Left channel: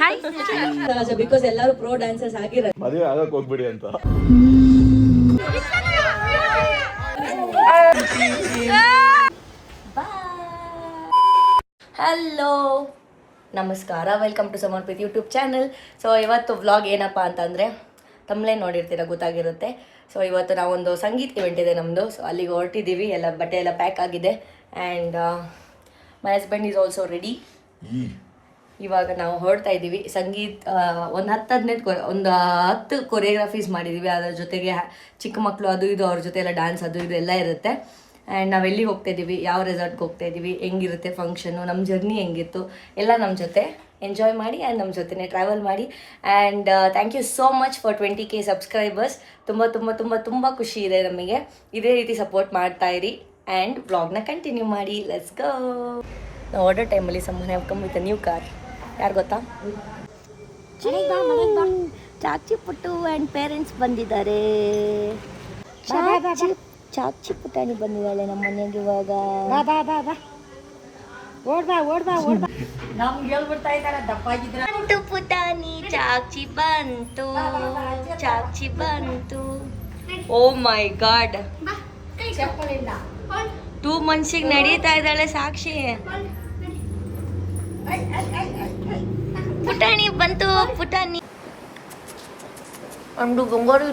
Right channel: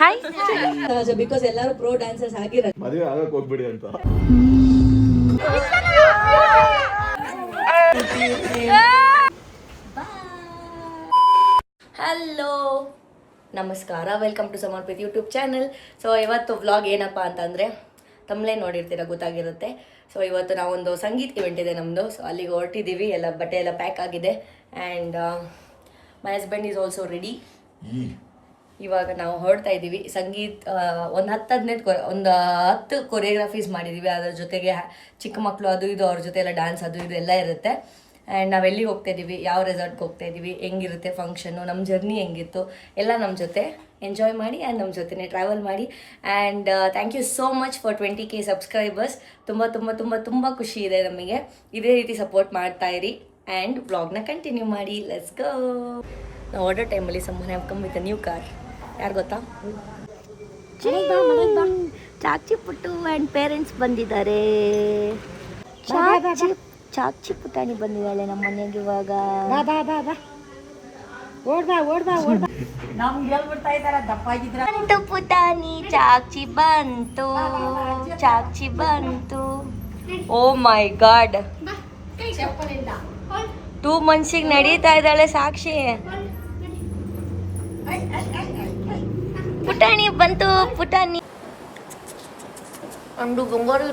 Hi because ಎಲ್ಲರೂ pro dancers ಆಗಿರೋ ಮದುವೆ ಆಗಕ್ಕೆ ಹೋಗ್ಬಿಡಿ ಅಂತ. ಹಲೋ ನಮಸ್ಕಾರ, welcome to Samarpit YouTube channel. So ಇವತ್ತು ವ್ಲಾಗ್ ಏನಪ್ಪ ಅಂತಂದರೆ ತಮ್ಮಲೇ ನೋಡಿರ್ತೀರ, ಗೊತ್ತಾಗಿರುತ್ತೆ. ಸೊ ಇವತ್ತು ನಾವೊಂದು ಸಂಗೀತ ಇವೆಂಟ್ ಇದೆ ನಮ್ಮದು. ಸೊ ಅಲ್ಲಿಗೆ ಹೊರಟಿದ್ದೀವಿ, ಎಲ್ಲ ಬಟ್ಟೆ ಎಲ್ಲ ಪ್ಯಾಕ್ ಆಗಿದೆ. And my husband is also ready. ಇವಾಗ ನಾವು ಹೊರಡ್ತಾ ಇದ್ದೀವಿ. ಸಂಗೀತ ಒಂದು 10 ಕೊರಿಯೋಗ್ರಫೀಸ್ ಮಾಡಿದ್ದೀವಿ. ಅದರ ಜೊತೆಗೆ ಚಿಕ್ಕ ಮಕ್ಕಳು ಅದು ಇದು ಅವ್ರ ಜೊತೆ ಎಲ್ಲ ಡ್ಯಾನ್ಸ್ ಅದು ಇದು ಎಲ್ಲ ಇರುತ್ತೆ. ಆ್ಯಂಡ್ ನಾವು ಎಲ್ಲಿಗೆ ಹೋಗ್ತಾ ಇದ್ದೀವಿ, ಯಾವ ರೆಸಾರ್ಟ್ಗೆ ಹೋಗ್ತಾ ಇದ್ದೀವಿ, ಹೆಂಗಿರುತ್ತೆ ಫಂಕ್ಷನು, ನಮ್ಮ ಜರ್ನಿ ಹೆಂಗಿತ್ತು ಎಲ್ಲ ನಮ್ಮ ಜೊತೆ ಎಂಜಾಯ್ ಮಾಡಿ ಆ್ಯಂಡ್ ನಮ್ಮ ಜೊತೆನೇ ಟ್ರಾವೆಲ್ ಮಾಡಿ. And thank you so much for 20K subscribers. ತುಂಬ ತುಂಬ ತುಂಬ ತುಂಬ ಖುಷಿ ಇದೆ ನಮಗೆ. ಇದೇ ರೀತಿ ಸಪೋರ್ಟ್ ಮಾಡ್ತಾ ಇರಿ ಆ್ಯಂಡ್ ವ್ಲಾಗ್ನ ಕಂಟಿನ್ಯೂ ಮಾಡಿ. Let's go. ನಾವು ಆರ್ಡರ್ ಟೈಮಲ್ಲಿ summon have come with a new car. ಯಾರು ಗೊತ್ತಾ? ಚಾಚಿ ಪುಟ್ಟು ಆ್ಯಂಡ್ ಪೇರೆಂಟ್ಸ್ ಬಂದಿದ್ದಾರೆ. ಚಾಚಿ ಪುಟಾಣಿ ಬಂದಿದ್ದಾಳೆ ನಮ್ಮ ಮನೆಗೆ ಇವಾಗ. ಬಂತು ಪುಟಾಣಿ, ಚಾಚಿ ಬಂತು, ಚಾಚಿ ಬಂತು. ಓ ಮೈ ಗಾಡ್, 2 ಮಂತ್ಸಿಗೆ ನಡೀತಾ ಇದ್ದಾಳೆ ಸಾಕ್ಷಿ. ಪುಟಾಣಿ ಬಂತು, ಪುಟಾಣಿ ಅಂದು ಗಂಗೋರಿ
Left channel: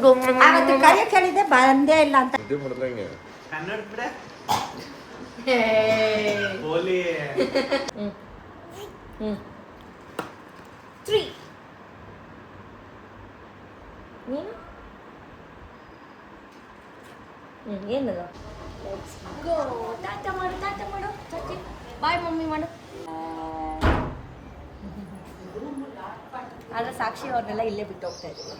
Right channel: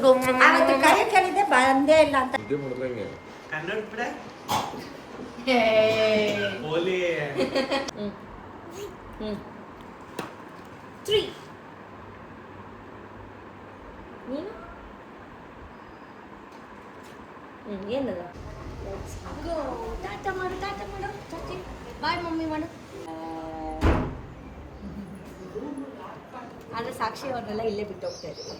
ಬಂದೇ ಇಲ್ಲ ಅಂತ ಏನಲ್ಲ. ಟಾಟಾ ಮಾಡು, ಟಾಟಾ ಮಾಡು, ಚಾಚಿ ಬಾಯ್ ಮಮ್ಮಿ ಮಾಡು. ಆದರೆ ಸಾಕ್ಷಿ ಅವ್ರನ್ನೆಲ್ಲ ಇಲ್ಲೇ ಬಿಟ್ಟು ಹೋಗ್ತಾ ಇದ್ದೀವಿ.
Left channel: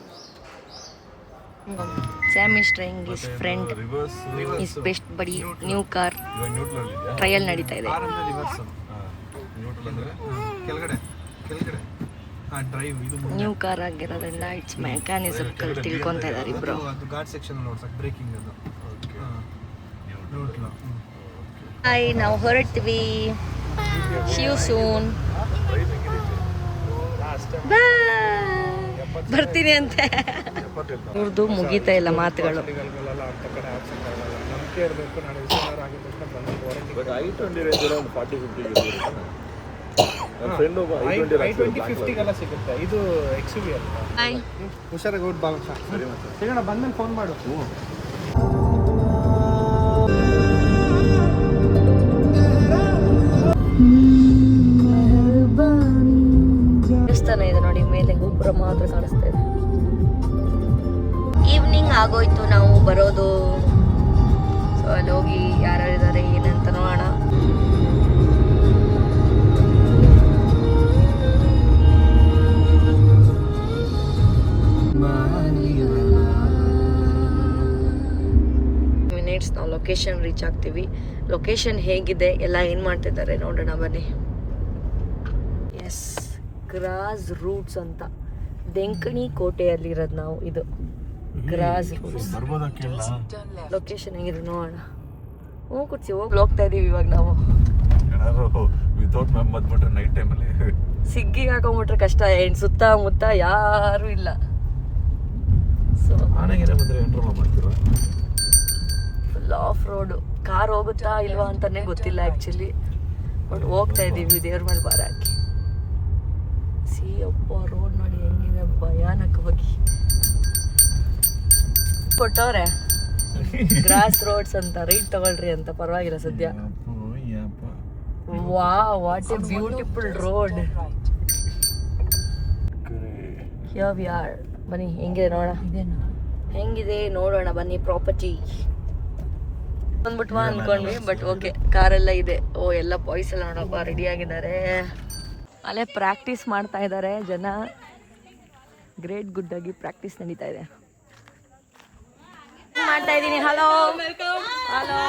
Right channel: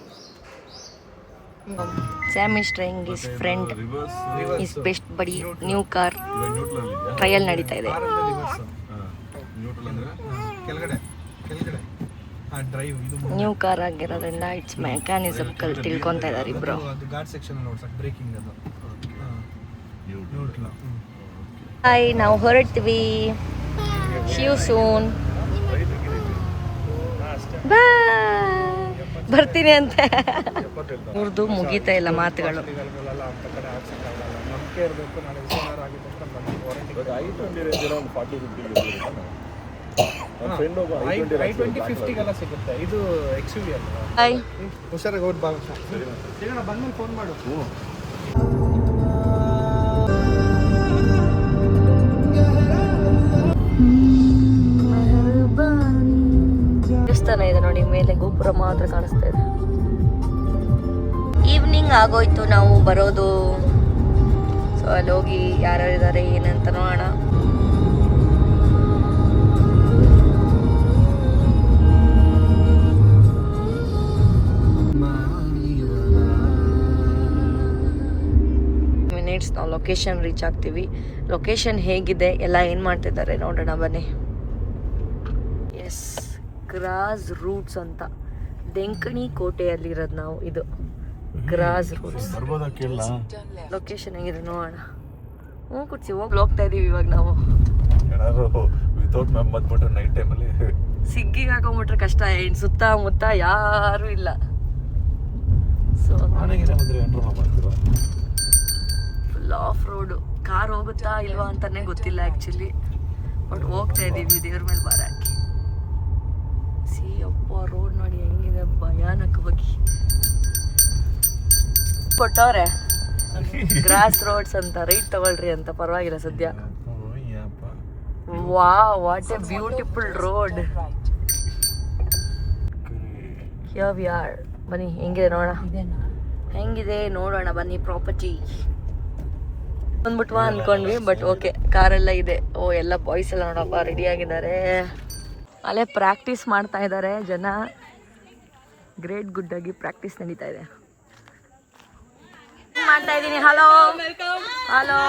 Sam is trying his friend, his best ಬಡಿ ನ್ಯೂ ಕಾರ್ ಟ್ರಯಲ್ ನಡೀತಾ ಇದೆ. ನ್ಯೂ ಕಾರ್ ಆಗಿರೋದ್ರಿಂದ ಇಟ್ಸ್ ಮೆಕ್ಯಾನಿಸಮ್ ತಿಳ್ಕೊತಾ ಇದ್ದಾರೆ ಇಬ್ರು. ಹಾಯ್, ನಾವು ಹೊರಡ್ತೀವಿ. ಶಿವ್ ಸೂನ್ ಬರ್ತೀನಿ ಅಂತೆ. ಇವ್ರದ್ದು ಮುಗೀತಾ ಇಲ್ಲ ಮಾತುಗಳು. ಫೋನ್ ಮಾಡು. ದೇವಸ್ಥಾನ ಇದೆ ನೋಡಿ, ಮೇಲೆ ಗೋಪುರ ಮಾತ್ರ ಕಾಣಿಸ್ತಾ ಇದೆ. ಈವ್ನಿಂಗ್ ಆಗೋಯ್ತು ನಾವು ಬರೋದು. ಸೊ ಅಲ್ಲಿ ಹೋಗಿ ಯಾರ್ಯಾರಿದ್ದಾರೆ ಏನಂತ ನೋಡೋಣ. ಮಿನಿಟ್ಸ್ ನಾವು ಲೊಕೇಶನ್ ರೀಚ್ ಆಗ್ತೀವಿ. ಲೊಕೇಶನ್ ಹೇಗಿದೆ ಎಲ್ಲ ಏನು ಮಾಡ್ತಿದ್ದಾರೆ ನೋಡೋಣ ಬನ್ನಿ. ಎಸ್, ಗ್ರಾಸ್ ರೂಟ್ಸ್ ಅಂತ ಡೆಂಕಣಿ ಕೋಟೆಯಲ್ಲಿರೋದು ನಾವು. ಇದು ಗ್ರಾಸ್ ರೂಟ್ಸ್. ಲೊಕೇಶನ್ ಹೆಂಗಿದೆ ನೋಡೋಣ. ಕುರ್ಚಿ ಹೋಗ್ತಾ ಇದೀವಿ ಇವಾಗ ನಾವು. ಸಿಗ್ಗಿಗೆ ಹಾಕೊಂಡ್ಬಿಟ್ರೆ ಕಷ್ಟ. ಏನು ಸುತ್ತಮುತ್ತ ಯಾರು ಇಲ್ಲ. So full of road. Car ಹೋಗುತ್ತಾ ಇಲ್ವಾ ಅಂತಾನೆ ಗೊತ್ತಿಲ್ಲ ಆ್ಯಕ್ಚುಲಿ. ಬಟ್ ಹೋಗ್ತಾ ಇದೀವಿ ದೇವ್ರ ಮೇಲೆ ಬಾರ ಹಾಕಿ. ಅಪ್ಪ ರೋಡ್ ನೋಡಿ ಹೆಂಗಿದೆ ಭಯಾನಕವಾಗಿ ಕೊಟ್ಟವ್ರೆ. ಗ್ರಾಸ್ ರೋಡ್ಸ್ ಅಂತ, ರೈಟ್ ತಗೊಳ್ರಿ ಅಂತ. ಪರವಾಗಿಲ್ಲ ಸದ್ಯ. ವಾ, what A beautiful road. Here we are. ಬನ್ನಿ ಹೆಂಗಿದೆ ನೋಡೋಣ, ಹೆಂಗಿದೆ ನೋಡೋಣ ಬನ್ನಿ. ಪ್ರಾಪರ್ಟಿ ಬಂದ್ಬಿಟ್ವಾ ಅನ್ಕೊಂಡ್ವಿ, ಬಟ್ ಓಕೆ ಕಾರೆಲ್ಲ ಇದೆ. ಓ, ಎಲ್ಲ ಬಾಯ್ಸ್ ಎಲ್ಲ ನೋಡಪ್ಪ ರೆಡಿ ಆಗಿದ್ದಾರೆ. ಅಲ್ಲೇ ಪ್ರಾಕ್ಟೀಸ್ ಮಾಡ್ತಾ ಇದ್ದಾರೆ ಜನ. ಗ್ರೇಟ್ ಗುಡ್ ಆಗಿ ಪ್ರಾಕ್ಟೀಸ್ ನಡೀತಾ ಇದೆ. ಮಾಡ್ತಾ ಇದ್ದೀನಿ. ಹಲೋ ಹಲೋ,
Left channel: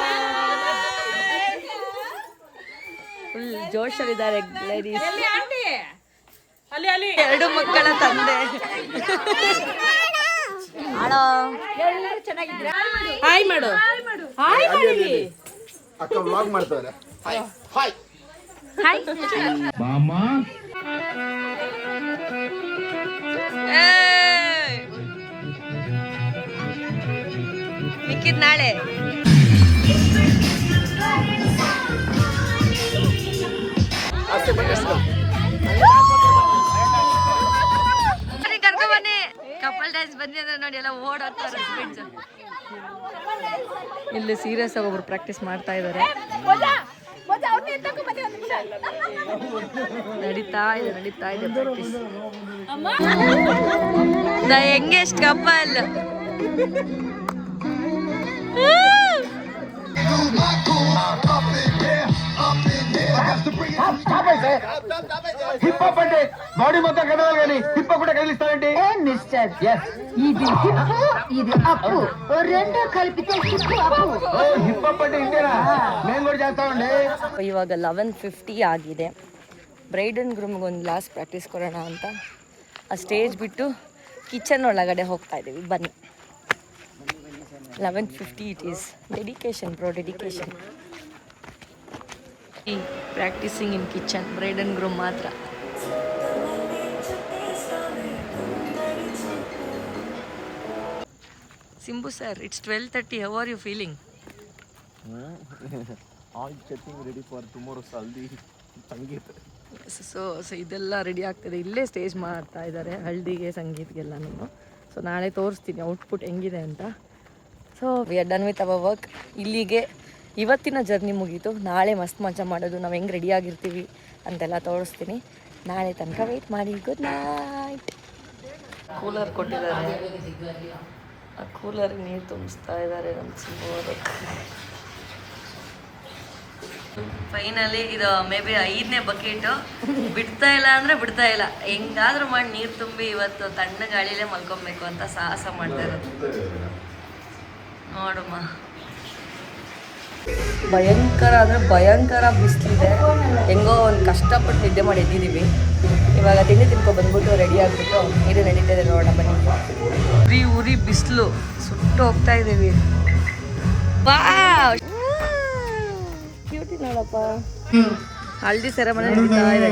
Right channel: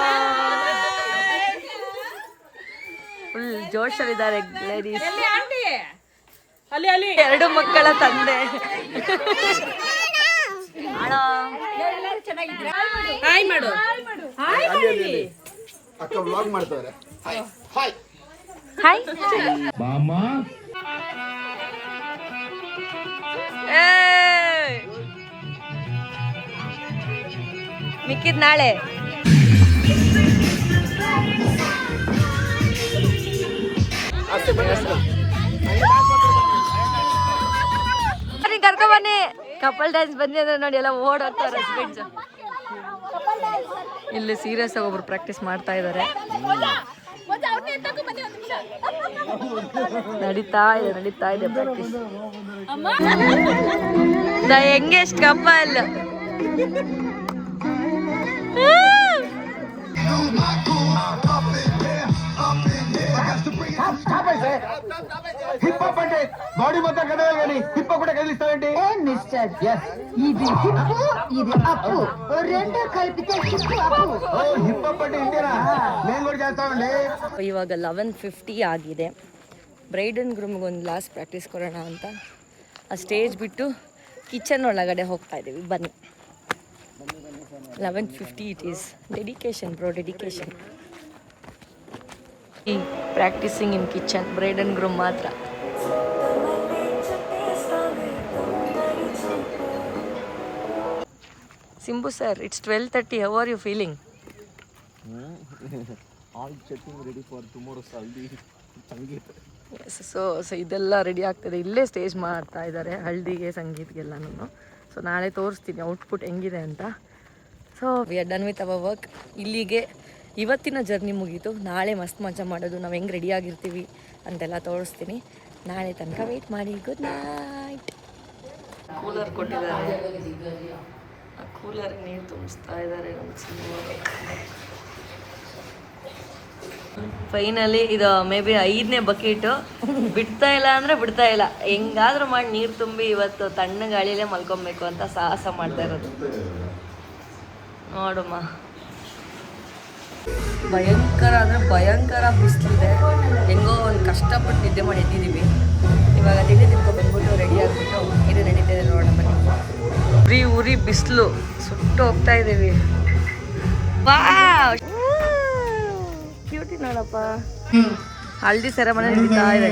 ಫುಲ್ ಜೋಶಲ್ಲಿದ್ದಾರೆ ಲೇಡೀಸ್. 2 ಮಕ್ಕಳ ತಂದೆ. ಹಲೋ, ಹಾಯ್ ಮಾಡು. ಅಕ್ಕ ವ್ಲಾಗ್ ಮಾಡ್ತಾರೆ. ಹಾಯ್ ಹಾಯ್ ಮಾಮಾ. ಮಿಕ್ಕಿದ್ ನಾಳೆ. ಕರ್ಕೊ ಬನ್ನಿ. ಕಪಲ್ ಡ್ಯಾನ್ಸ್ ಬಂದಿ ಅಂದ್ರೆ ನೋಡಿ ಎಲ್ಲ ಓಡೋಗ್ತಾರೆ ಹಸ್ಬೆಂಡ್ಸ್. ಇಲ್ಲಿ ಸೀರಿಯಸ್ ಆಗಿ ಒಬ್ರು ಪ್ರಾಕ್ಟೀಸ್ ಮಾಡ್ತಾ ಇದ್ದಾರೆ. ನಡೀತಾ ಇದೆ practice. The youngest couple. Body మొత్తం కదవాలి కానీ హిప్ కూడా కదిలిస్తానండి. మిస్టర్ ఇది హిప్పు ఇది అప్పు రెండు కలిపితే హిప్పు అప్పు. ఓ హిప్ అప్ అంటే ఇంతేనా? మేము కూడా చేస్తామండి. ಇವಾಗ 11:50 ಆಗಿದೆ. ಬ್ರೈಡ್ ಅಂಡ್ ಗ್ರೂಮ್ಗೆ ಒಂದು ಲಾಸ್ಟ್ ಪ್ರಾಕ್ಟೀಸ್ ಕೊಡೋಣ ಅಂತ ಆ ಸ್ಟೇಜ್ ಬಿಟ್ಟು ಕಿಚನ್ ಒಳಗಡೆ ಹೋಗ್ತಾ ಇದ್ದೀವಿ. ಬನ್ನಿ. 11:50 it is. Dedication bro, dedication. Practising in kitchen, bride and groom ಮಾತ್ರ. Simbu sir, it's 12:30. How are you feeling? All getting ready for tomorrow's haldi sangeet. So ಇದೆಲ್ಲ ರೆಡಿ ಆಗ್ತದೆ. ಇಲ್ಲೇ ಸ್ಟೇಜ್ ಮಾಡ್ತಾ ಇದ್ದಾರೆ ಹಲ್ದಿಗೆ ಸಂಗೀತಗೆಲ್ಲನೂ. ಸೊ ನಾಳೆ ತೋರಿಸ್ತೀನಿ ಔಟ್ಪುಟ್ ಹೆಂಗಿದೆ ಅಂತ. So we are done with our work. ಇಲ್ಲಿಗೆ ಇವತ್ತಿನ ಜರ್ನಿ ಮುಗೀತು. ನಾಳೆ ಮಸ್ತ್ ಮಜಾ ಮಾಡೋದು. ನಾವು ಹೆಂಗೆ ರೆಡಿಯಾಗಿರ್ತೀವಿ ಅಂತೆಲ್ಲ ತೋರಿಸ್ತೀನಿ. ನಾಳೆ ತನಕ ವೆಯ್ಟ್ ಮಾಡಿ. Good night. ಕೂಲರ್ ಕೊಟ್ಟಿದ್ದಾರೆ. ಆ ಕೂಲರ್ಗೆ ನೀರು ತುಂಬಿಸ್ತಾ ಇದ್ದಾರೆ ನಮ್ಮ ಸಿಂಬು ಅವರು. ಫೈನಲಿ ಇದು ಮೇ ಬಿ 5ನೇ ಬಕೆಟು. ಬಿಡ್ತಾ ಇಲ್ಲ ಅಂದರೆ ಬಿಡ್ತಾ ಇಲ್ಲ. ಹೆಂಗಾದ್ರೂ ಮಾಡಿ ನೀರು ತುಂಬಿ ಇವತ್ತು ತಣ್ಣ ಗಾಳಿಯಲ್ಲೇ ಮಲ್ಕೊಬೇಕು ಅಂತ ಸಾಹಸ ಮಾಡ್ತಾ ಇರೋದು. ನೋಡಮ್ಮ, ಭಯಂಕರ ಅಂದರೆ ಭಯಂಕರ ಬಿಸಿಲಿದೆ. ಹೆಂಗೋ ಒಂದು ಕಷ್ಟಪಟ್ಟು ನಿದ್ದೆ ಮಾಡಿ ಎದ್ದಿದ್ದೀವಿ. ಇವಾಗ ತಿಂಡಿ ಬಂದ್ಬಿಟ್ಟು ರೆಡಿ ಆಗಿಬಿಟ್ಟು ನೀರು ನಡೀತಿದೆ ನೋಡೋಣ ಬನ್ನಿ. ಉರಿ ಬಿಸಿಲು ಸುಟ್ಟು ಹೋಗ್ತಾ ಇದ್ದೀವಿ. ಕ್ಯೂಟಿ ನೋಡಪ್ಪ. ಹಲ್ದಿ ಸೆರೆಮನಿ ನಡೀತಾ ಇದೆ.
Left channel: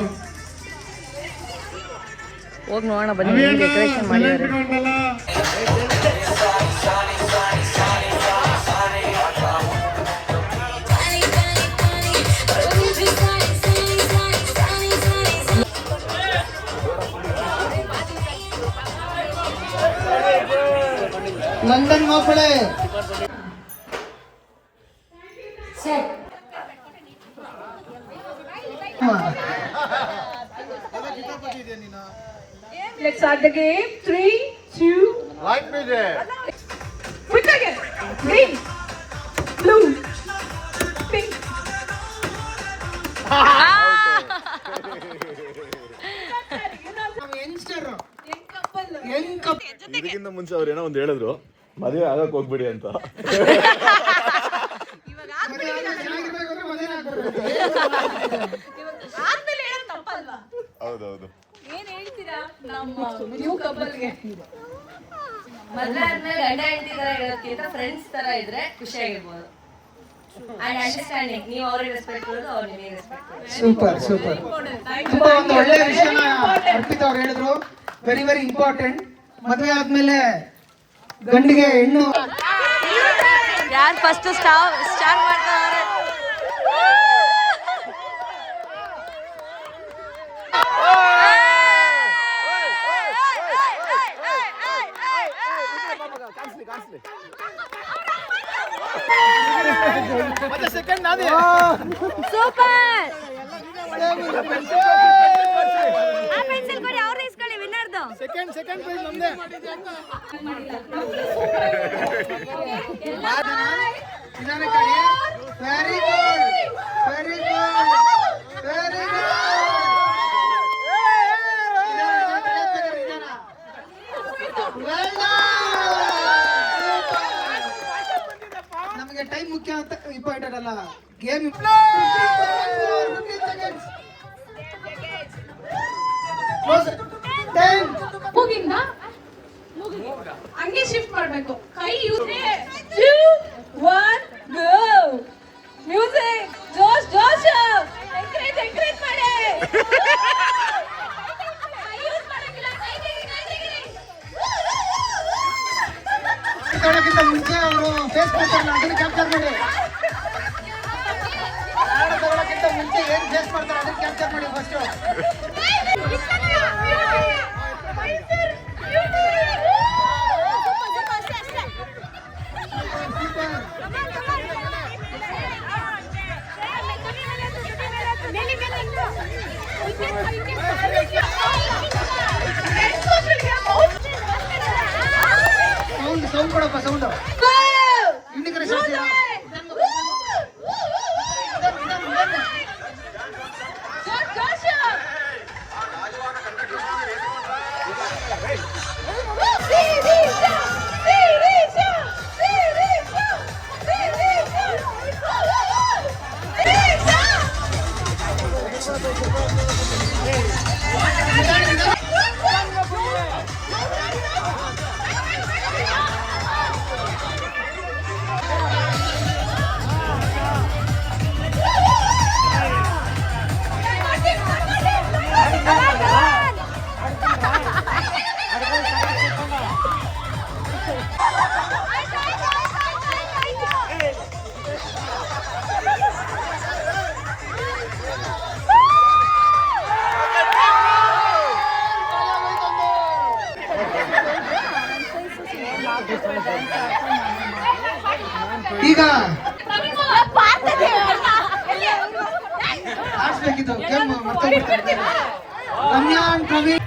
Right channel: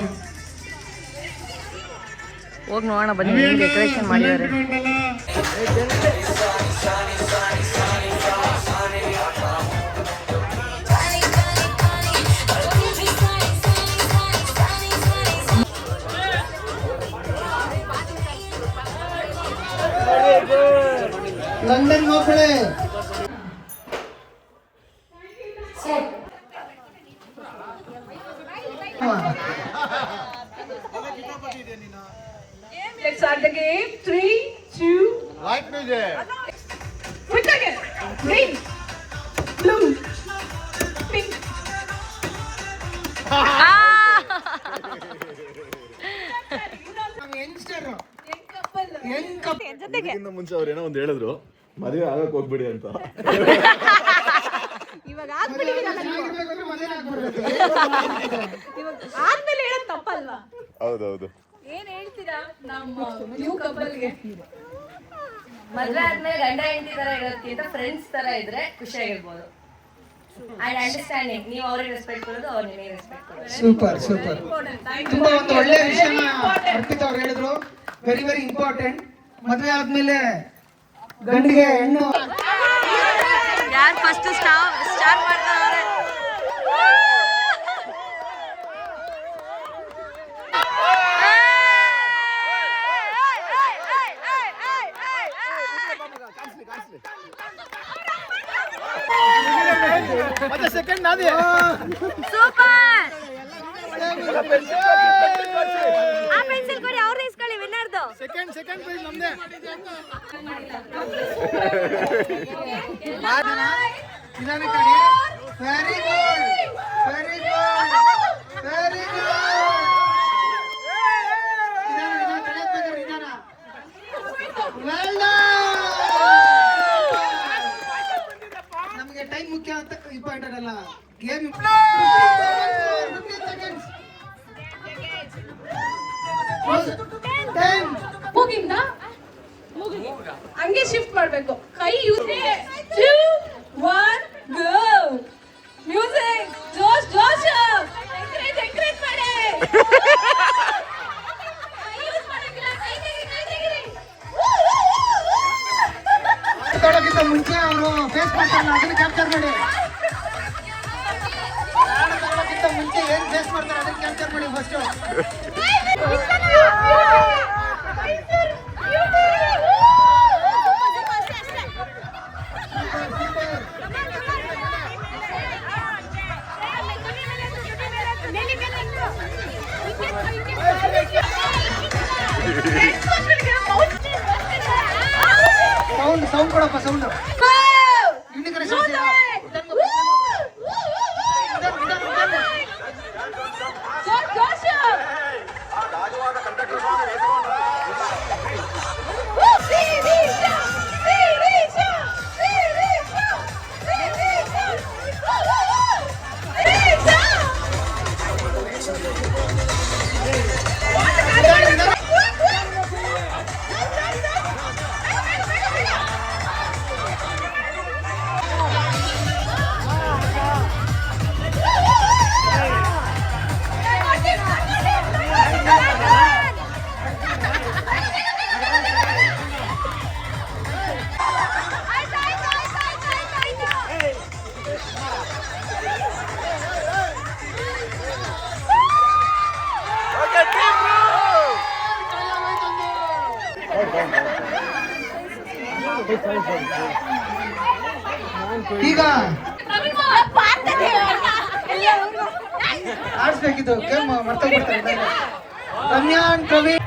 ಹೋಗಿ ನೋಡೋಣ ಬನ್ನಿ. ಡೆಕೋರೇಷನ್ ಮಾಡಿದ್ದಾರೆ. ಲಂಡನ್ ಮಕ್ಕಳೇ Let's start the game. 3, 2, Light music. quick again. Green, blue, pink. ಇದಕ್ಕಿಂತ ಮುಂಚೆ ಅವ್ರು ಏನೋ ಒಂದು ಹೇಳಿದ್ರು, ಮದುವೆ ಆಗಕ್ ಹೋಗ್ಬಿಡಿ ಅಂತ. ಹೌದೌದು. ಮದ್ವೆ ಆದ್ಮೇಲೆ ಗಂಡ ಹೆಂಡತಿ ತರ ಇರೋದಕ್ಕಿಂತ ಫ್ರೆಂಡ್ಸ್ ತರ ಇದ್ರೆ ಖುಷಿಯಾಗಿರ್ಬೋದು. And understanding. ನೀವು ಅವ್ರಿಗೆ ರೆಸ್ಪೆಕ್ಟ್ ಕೊಡೋದು, ಅವ್ರು ನಿಮಗೆ ರೆಸ್ಪೆಕ್ಟ್ ಕೊಡೋದು. Super super. ತುಂಬಾ ಒಂದು ಒಳ್ಳೆ ವಿಷಯನ ಅರ್ಪಿತ ಅವ್ರು ಹೇಳಿದ್ರು. Very very important. ಮದುವೆ ಆದ್ಮೇಲೆ ಗಂಡಿಗೆ ಹೆಣ್ಣು ಯಾರು ಫಸ್ಟ್ ಸ್ಟಾರ್ಟ್ ಮಾಡ್ತಾರೆ? ಸೂಪರ್. ಆ ಪೆನ್ಸಿಲ್ ಕೊಡಿ, ಅವ್ರನ್ನ ಇಸ್ಕೊಳ್ಳಿ ವಿನ್ನರ್ದು. ಸೆಕೆಂಡ್ ಪ್ರೈಸ್ ನಮ್ದೇ. ನಿಧಾನ ಕಡೆ. Very good very good very good. ನಮಗೆ ಟೈಮ್ ಮುಖ್ಯ ಅಂತ ಇಂಪಾರ್ಟೆಂಟ್ ಅಲ್ಲ, ಗೇಮ್. ಮುಗಿಂದ ಹಂಗೆ ಶಿಫ್ಟ್ ಮಾಡ್ಬೇಕು. ಕೈ ಯೂಸ್ 2, 1 ಗೋ. ಮ್ಯೂಸಿಕ್ ಜೋಶ್ ಜೋಶ್. ಎಂಕರೇಜ್ ಮಾಡಿ. ಮುಂಚೆ ಅವರು ಫೇಸ್ ಮಾಡ್ತಾರಲ್ಲ ಅದನ್ನ ಕ್ಯಾಪ್ಚರ್ ಮಾಡಿ. ಆಡೋದಕ್ಕಿಂತ ಮುಂಚೆ ಏನ್ ಫೇಸ್ ಮಾಡ್ತಾರೆ ಅದನ್ನ ಕ್ಯಾಪ್ಚರ್ ಮಾಡಿ ಫಸ್ಟ್. ಸೌಂಡ್ ಕೊಡಪ್ಪ ಸೌಂಡ್. ಈಗ ಆಡ್ಸ್ಬೇಕಿತ್ತು ಗೇಮ್ ಮರ್ತೋಗ್ಬಿಡ್ತಾರೆ. ರಮ್ಯಾ ಅಂಡ್ ಪ್ರವೀಣ್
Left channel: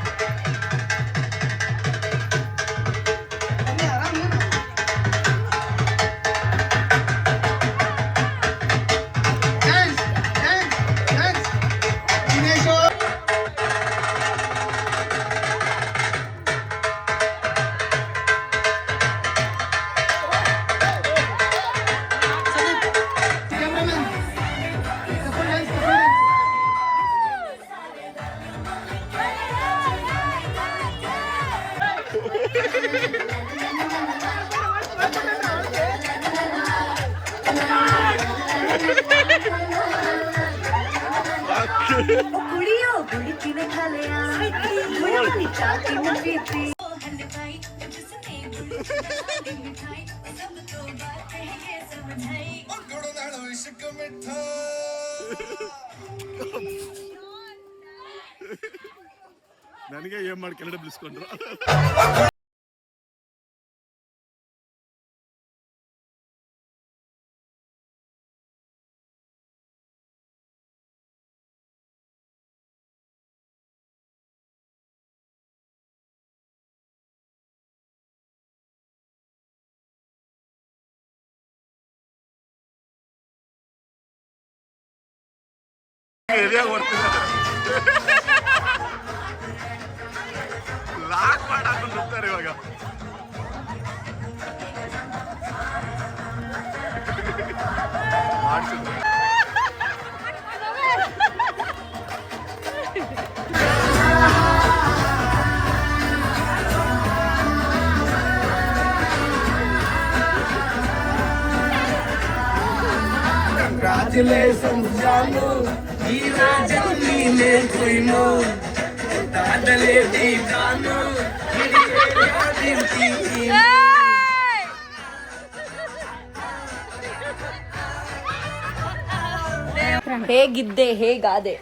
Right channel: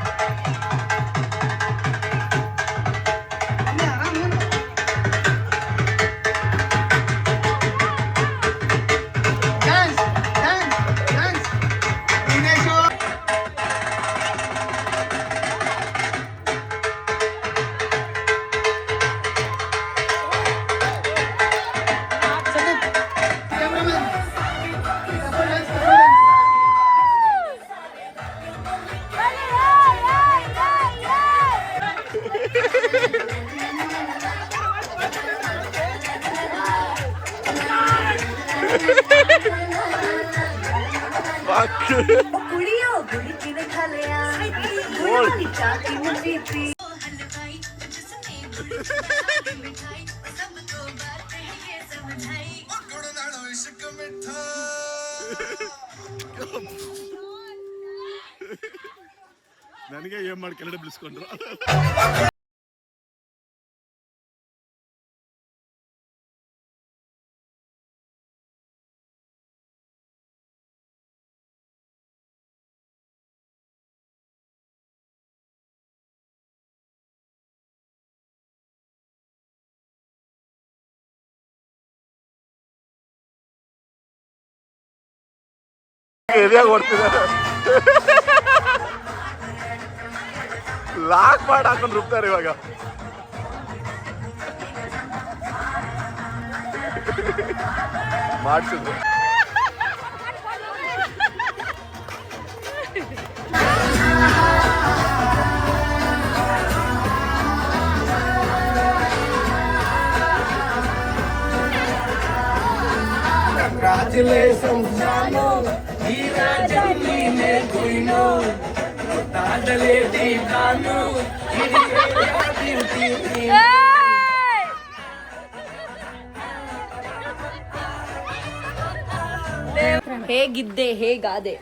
ನನಗೆ ಏನ್ ಮಾಡಿ ಕೆಳಗಡೆ ಬಿಡಿಸ್ಕೊಂಡ್ರು. ಏರಿಯಾಗ ಓಡ್ತಿದ್ದಾರೆ. ಲಾಕ್ ಮಾಡಿ ಹಾಕೊಂಡು ರುಬ್ತಾರೆ ಇವಾಗ. ಮಾಡಿಸಿದ್ರು. Congratulations, Janu. Hira Juni ne kuino. Tadale di Janu. ಹೇಗಿದ್ದೆ ಹೇಗಾದೆ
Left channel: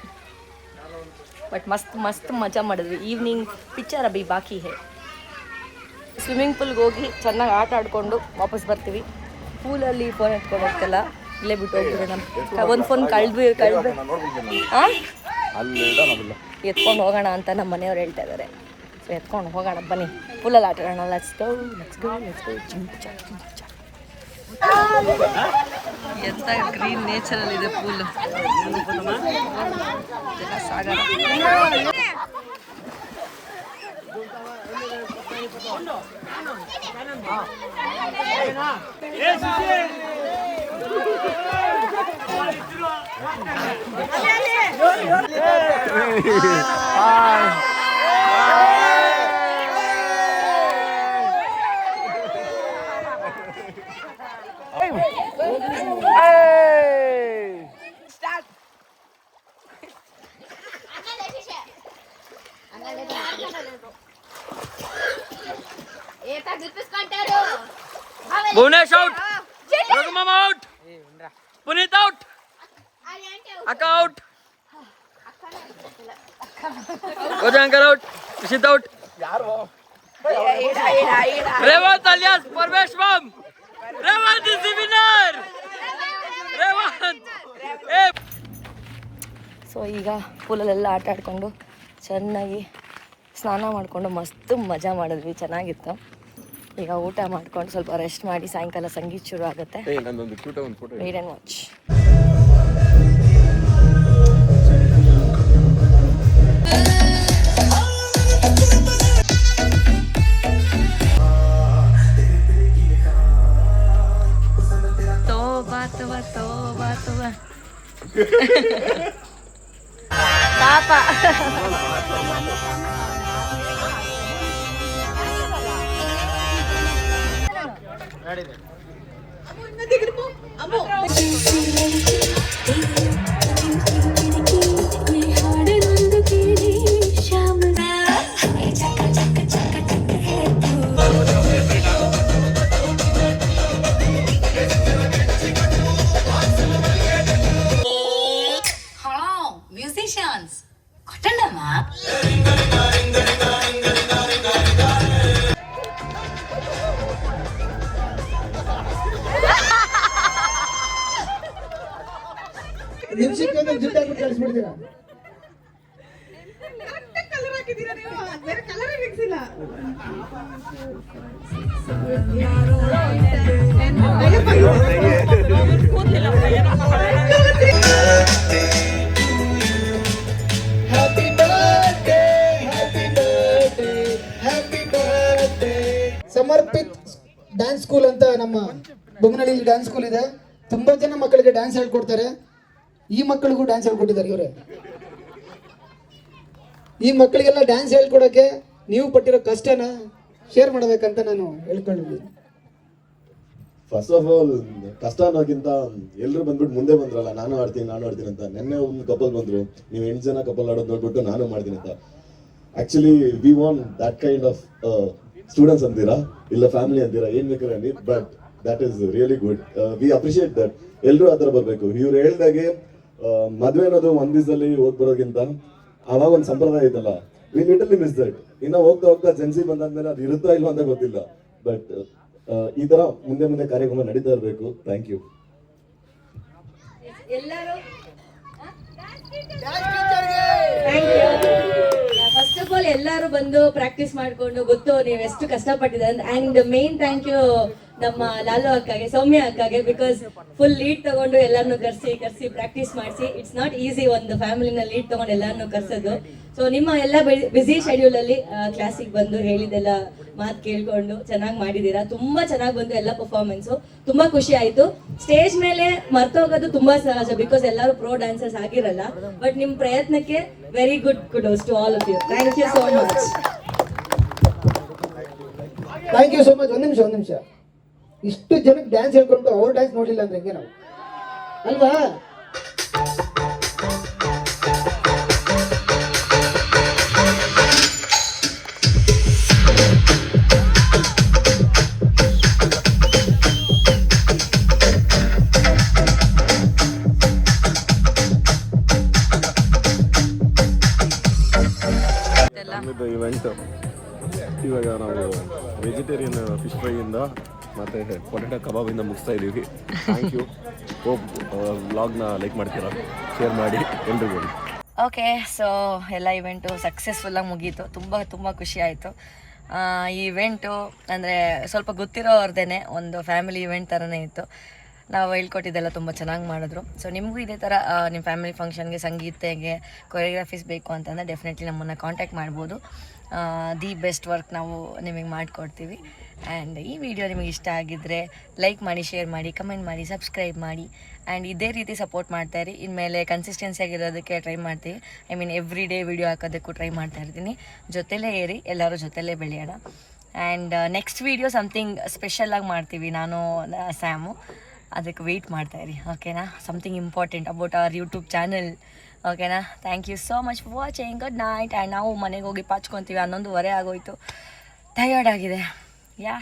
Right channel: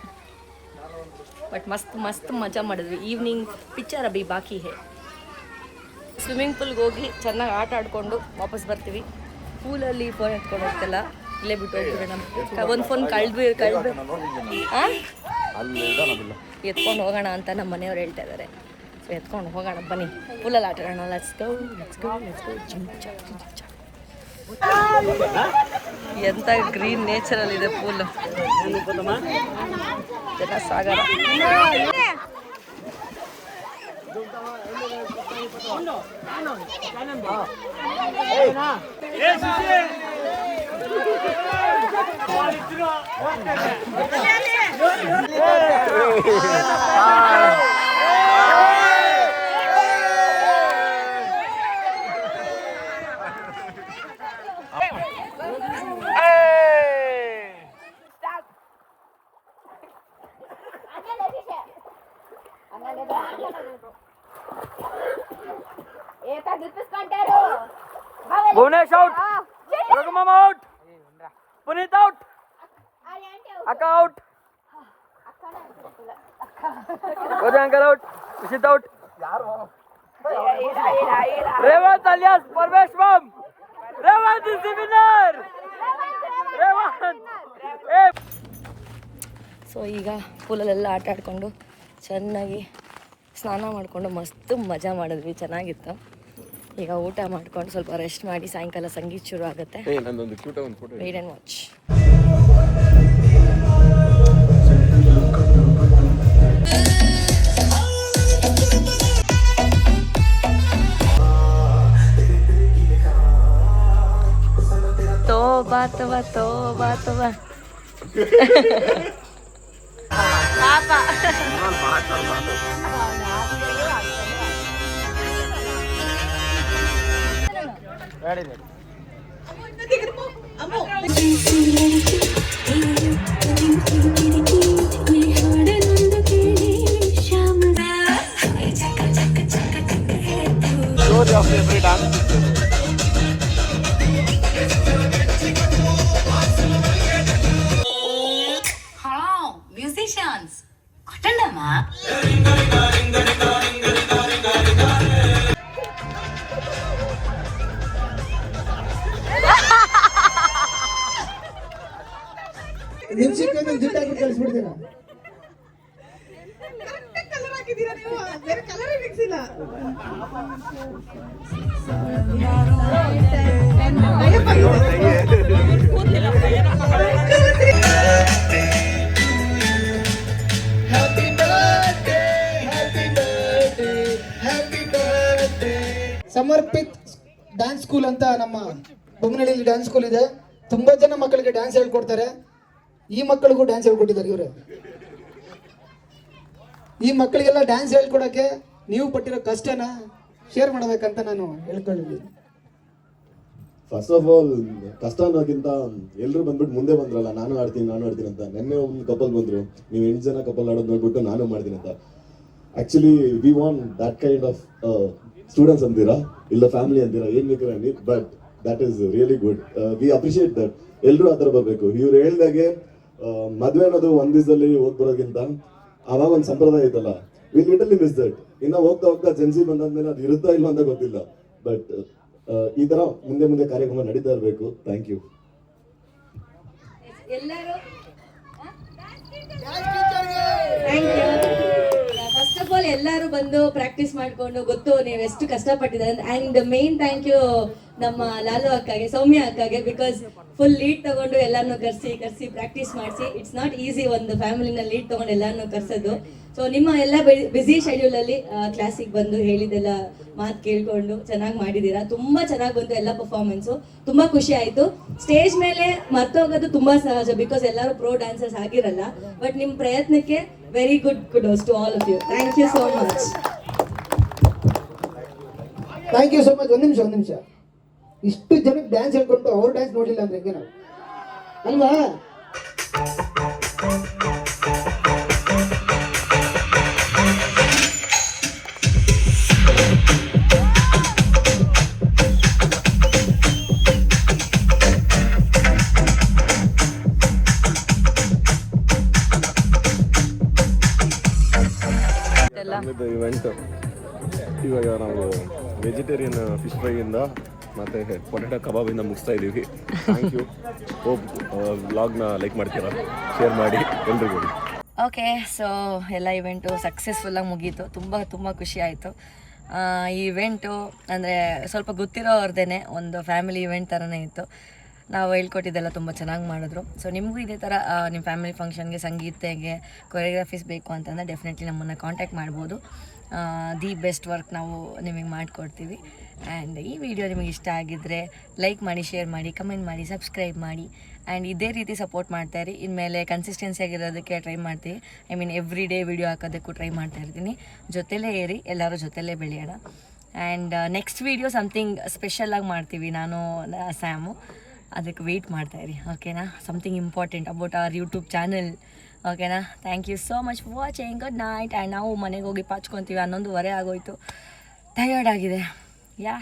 ಬಟ್ ಮಸ್ತ್ ಮಸ್ತ್ ಮಜಾ ಮಾಡಿದ್ವಿ. ಈವ್ನಿಂಗ್ ಪಿಕ್ಚರ್ ಅಭಿ ಬಾಕಿ ಹೇ. ಸ್ವಿಮ್ಮಿಂಗ್ ಪೂಲ್ಗೆ ಹೋಗಿ ಚೆನ್ನಾಗಿ ಆಟ ಆಡ್ಕೊಂಡು ವಾಪಸ್ ಬರ್ತೀವಿ. ಪೂಲಲ್ಲಿ ಫೋನ್ ಎತ್ಕೊಂಡು ಹೋಗ್ತಿಲ್ಲ, ಇಲ್ಲೇ ಬಿಟ್ಟು ಹೋಗ್ಬಿಡೋಣ. ಒಂದು ಫೋನ್ ಎತ್ಕೊಂಡು ಹೋಗೋಣ ಅಂತ ನಮ್ಮ ಮನೆಯವ್ರು ಹೇಳ್ತಾ ಇದ್ದಾರೆ. ಸೊ ಎತ್ಕೊಂಡು ಹೋಗೋಣ ಬನ್ನಿ, ಪೂಲಲ್ಲಿ ಆಟ ಆಡೋಣ. ಲೆಟ್ಸ್ ಗೋ ಚಿಂಚ. ಎಂತ ಗ್ರೀನ್ ನೇಚರಲ್ಲಿ ಇದೆ ಪೂಲ್, ಇದೆಲ್ಲ ಸಾಗರ. Eta gulpiskontaru. Havel Bhunesh out. Raghuram out. Puneet out. Akka out. Rojankar out. Rishit out. Revant alias Parveshvam. Revant is the winner. Revant. So ಈಗ ಪೂಲಲ್ಲೆಲ್ಲ ಆಟ ಆಡಿಕೊಂಡು ಚೆನ್ನಾಗಿ ಸ್ನಾನ ಮಾಡಿಕೊಂಡು ಮಸ್ತ್ ಮಜಾ ಮಾಡಿದ್ವಿ, ಚೆನ್ನಾಗಿತ್ತು. ಈಗ ಊಟ ಮಾಡ್ಕೊಂಡು ಸ್ವಲ್ಪ ರೆಸ್ಟ್ ಮಾಡಿ ಸಾಯಂಕಾಲ ಸಂಗೀತ ಶುರು ಆಗುತ್ತೆ. Wait and watch. ತೋಬಾ ತೋಬಾ ತೋಬಾ ತೋಬಾ musicians. Kotandama. ನಿಮಿಷಕ್ಕೆ ಒಂದು ಜಿಡ್ಡ ಹಾಕಿ ಕಳಿಸ್ಬಿಡ್ತೀರಾ? ಕಲರ್ ಹಾಕಿದ್ದೀರಾ ನೀವು? ಬೇರೆ ಕಲರ್ ಮಿಕ್ಸ್ ಇಲ್ಲ. Happy birthday happy birthday happy birthday. Samarpit dance school ಅಂತ ನಮ್ಮ ಬೊಮ್ಮನಹಳ್ಳಿ ಡ್ಯಾನ್ಸ್ ಸ್ಕೂಲ್ ಇದೆ. ತುಂಬಾ ಜನ ಮಕ್ಕಳಿಗೆ ಡ್ಯಾನ್ಸ್ ಹೇಳ್ಕೊಡ್ತಾರೆ. ಈ ಮಕ್ಕಳಿಗೂ ಡ್ಯಾನ್ಸ್ ಹೇಳ್ಕೊಟ್ಟಿದ್ದಾರೆ ಇವರು. ಈ ಮಕ್ಕಳಿಗೆಲ್ಲ ಡ್ಯಾನ್ಸ್ ಹೇಳ್ಕೊಡಕ್ಕೆ ನೀವು ಪಟ್ಟಿರೋ ಕಷ್ಟನ ಶೇರ್ ಮಾಡಬೇಕಂತ ನಾನು ಹೇಳ್ಕೊಂಡಿದ್ದೀನಿ. ಫಸ್ಟ್ ಆಫ್ ಆಲ್ ಕಷ್ಟ ಅನ್ನೋಕ್ಕಿಂತ ಎಲ್ಲರೂ ಬಂದ್ಬಿಟ್ಟು ಮುಂದೆ ಬಂದ್ರಲ್ಲ, ನಾನು ಆಡ್ತೀನಿ ಅಂತ. ನೆನ್ನೆ ಒಂದು ಕಪಲ್ ಬಂದ್ರು, ನೀವು 8 ಜನ ಕಪಲ್ ಆಡೋದು ನೋಡ್ಬಿಟ್ಟು ನಾನು ಮಾಡ್ತೀನಿ ಅಂತ. Actually we want that kind of students ಅಂತೀರಾ, ಇಲ್ಲ ಫ್ಯಾಮಿಲಿ ಅಂತೀರಾ, ಏನ್ ಬೇಕಾದ್ರೆ ಅನ್ನಿ, but that is really good. V appreciate that. ಎಲ್ಲರೂ ಆ ಥರ ಬರಬೇಕು. ಇವ್ರು ಹೇಳ್ದಾಗೆ ಮದುವೆ ಅನ್ನೋದು ಒಂದ್ ದಿವಸದಲ್ಲಿ ಹೋಗಿ ಬರೋದಕ್ಕಿಂತ ಅವಾಗ ಒಂದು ಸಂಪ್ರದಾಯ ಐತಲ್ಲ, ವಿ ಲಿಟಲಿ ಮಿಸ್ ದಟ್. ಇನ್ನು ಹೋಗ್ತಾ ಹೋಗ್ತಾ ಜೆನ್ಸಿ ಬಂದಾದ್ಮೇಲೆ ಅದು ಇರುತ್ತಾ ಇಲ್ಲ ಅಂತ ಗೊತ್ತಿಲ್ಲ. ಬಟ್ ಈ ತರ ಮುಂದೆ ಕಾರ್ಯಕ್ರಮ ನಡೀತಾ ಇರಬೇಕು. Thank you. First of all ಎಲ್ಲರೂ ಬಂದು ಪ್ರಾಕ್ಟೀಸ್ ಮಾಡ್ಕೊಂಡು, ಗೊತ್ತು ನೀವು ಎಷ್ಟು ಕಷ್ಟಪಟ್ಟಿದ್ದಾರೆ. ಅಂಡ್ ಮೇನ್ ಥ್ಯಾಂಕ್ ಯು ನಮ್ಮ ಲಾಲು ಅಕ್ಕಗೆ, ಸೌಮ್ಯ ಅಕ್ಕಗೆ, ಬಿಕಾಸ್ ಫುಲ್ ಲೀಡ್ ತಗೊಂಡು ಎಲ್ಲಾನು ಕರ್ಸಿ ಪ್ರಾಕ್ಟೀಸ್ ಮಾಡಿಸಿ. ಇಟ್ಸ್ ನಾಟ್ ಈಸಿ ಒಂದು ಫ್ಯಾಮಿಲಿನ ಲೀಡ್ ತಗೊಂಡು ಎಲ್ಲಾನು ಕರ್ಸೋದು. ಸೊ ನಿಮ್ಮ ಎಲ್ಲ ಬ್ಯುಸಿ ಶೆಡ್ಯೂಲ್ ಅಲ್ಲಿ ಕ್ಲಾಸಿಗೆ ಬಂದು ಹೇಳಿದೆಲ್ಲ ಮಾತು ಕೇಳ್ಕೊಂಡು ಚೆನ್ನಾಗಿ ಮಾಡಿದ್ದೀರಾ. ತುಂಬಾ ಚೆನ್ನಾಗಿ ಬಂತು ಎಲ್ಲ ಪರ್ಫಾರ್ಮೆನ್ಸು. ತುಂಬಾ ಖುಷಿ ಆಯ್ತು. ಸ್ಟೇಜ್ ಮೇಲೆ ಮರ್ತೋಗೋದು ತುಂಬಾ ಸಹಜ, ಬಿಕಾಸ್ ಎಲ್ಲರೂ ಪ್ರೋ ಡ್ಯಾನ್ಸರ್ಸ್ ಆಗಿರಲ್ಲ. ಬಟ್ ನಿಮ್ ಪ್ರಯತ್ನಕ್ಕೆ very good kudos to all of you. Thank you so much. Thank you so much. ಒಂದ್ ನಿಮಿಷ. ಇಷ್ಟು ಜನಕ್ಕೆ ಡ್ಯಾನ್ಸ್ ಹೇಳ್ಕೊಂಡು ಅವ್ರು ಡ್ಯಾನ್ಸ್ ನೋಡಿಲ್ಲ ಅಂದ್ರೆ ಹೆಂಗೆ ಅಲ್ವಾ? ಇವೆಂಟ್ ಇವಾಗ ನಾವು ವೆಜಿಟೇರಿಯನ್ ಫಿಶ್ ಫ್ರೈ ಇಂದ ಮತ್ತೆ ಪೊಟೆಟೊ ಕಬಾಬಿಂದ ಮುಗಿಸ್ತಾ ಇದ್ದೀವಿ. Thank you. ಹೋಪ್ ವ್ಲಾಗ್ನ ಲೈಕ್ ಮಾಡ್ತೀರಾ, ಶೇರ್ ಮಾಡಿ ಎಲ್ರಿಗೂ. ಓಕೆ, ಸೊ ಎಲ್ಲ ಇವೆಂಟು ಸಕ್ಸಸ್ಫುಲ್ಲಾಗಿ ಮುಗೀತು. ತುಂಬ ಖುಷಿ ಆಯಿತು. ಈ ಇವೆಂಟು ಅಂದರೆ ಸ್ವಲ್ಪ ಗೊತ್ತಿರೋರ್ದೇ ಒಂದು ಫ್ಯಾಮಿಲಿ ಇವೆಂಟ್ ಥರನೇ ಇತ್ತು. ನಾವು ಹೇಳ್ಕೊಟ್ಟಿದ್ದೆಲ್ಲ ತುಂಬ ಚೆನ್ನಾಗಿ ಮಾಡಿದ್ರು. ಸೊ ನಿಮಗೂ ಇದೇ ಥರ ನಿಮ್ಮ ಫ್ಯಾಮಿಲಿ ಫಂಕ್ಷನ್ಗೆ ಸಂಗೀತಗೆ ಕೊರಿಯೋಗ್ರಫೀಸ್ ಬೇಕು ಅಂತಂದರೆ ಡೆಫಿನೆಟ್ಲಿ ನಮ್ಮನ್ನು ಕಾಂಟ್ಯಾಕ್ಟ್ ಮಾಡ್ಬೋದು. ದಿ ಬೆಸ್ಟ್ ವರ್ಕ್ ನಾವು ನಿಮಗೆ ಮಾಡಿಕೊಡ್ತೀವಿ. ಆ್ಯಂಡ್ ಈ ವಿಡಿಯೋ ನಿಮಗೆ ಇಷ್ಟ ಆಗಿದ್ದರೆ ಲೈಕ್ ಮಾಡಿ, ಶೇರ್ ಮಾಡಿ, ಕಮೆಂಟ್ ಮಾಡಿ, ಸಬ್ಸ್ಕ್ರೈಬ್ ಮಾಡಿ. ಆ್ಯಂಡ್ ಇದೇ ರೀತಿ ಸಪೋರ್ಟ್ ಮಾಡ್ತಾಯಿರಿ. ಇನ್ಮೇಲೆ ಕನ್ಸಿಸ್ಟೆನ್ಸಿ ಆಗಿರೋದಕ್ಕೆ ಟ್ರೈ ಮಾಡ್ತೀವಿ. I mean every day video ಹಾಕೋದಕ್ಕೂ ಟ್ರೈ ಮಾಡ್ತಾ ಇರ್ತೀನಿ. ಜೊತೆಲೇ ಏರಿ, ಎಲ್ಲರೂ ಜೊತೆಲೇ ಬೆಳೆಯೋಣ. ಆ್ಯಂಡ್ ನೆಕ್ಸ್ಟ್ ವಿಡಿಯೋ ಸಮಥಿಂಗ್ ಸ್ಪೆಷಲಾಗಿ ಮಾಡ್ತೀವಿ, ನಾನು ಸ್ಯಾಮು. ಅದಕ್ಕೆ ವೆಯ್ಟ್ ಮಾಡ್ತಾಯಿರಿ, ಓಕೆನಾ? Something important about our YouTube channel, ಓಕೆನಾ? Thank you so much for watching. Good night. And ನಾವು ಮನೆಗೆ ಹೋಗಿ ಪಾಚ್ಕೊತೀವಿ. 11:15 ಆಗೋಯ್ತು. ಟಯರ್ಡ್ ಆಗಿದೆ. Yeah,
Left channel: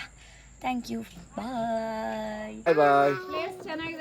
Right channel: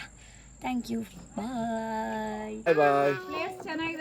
thank you bye. Bye bye. ಚೆನ್ನಾಗಿ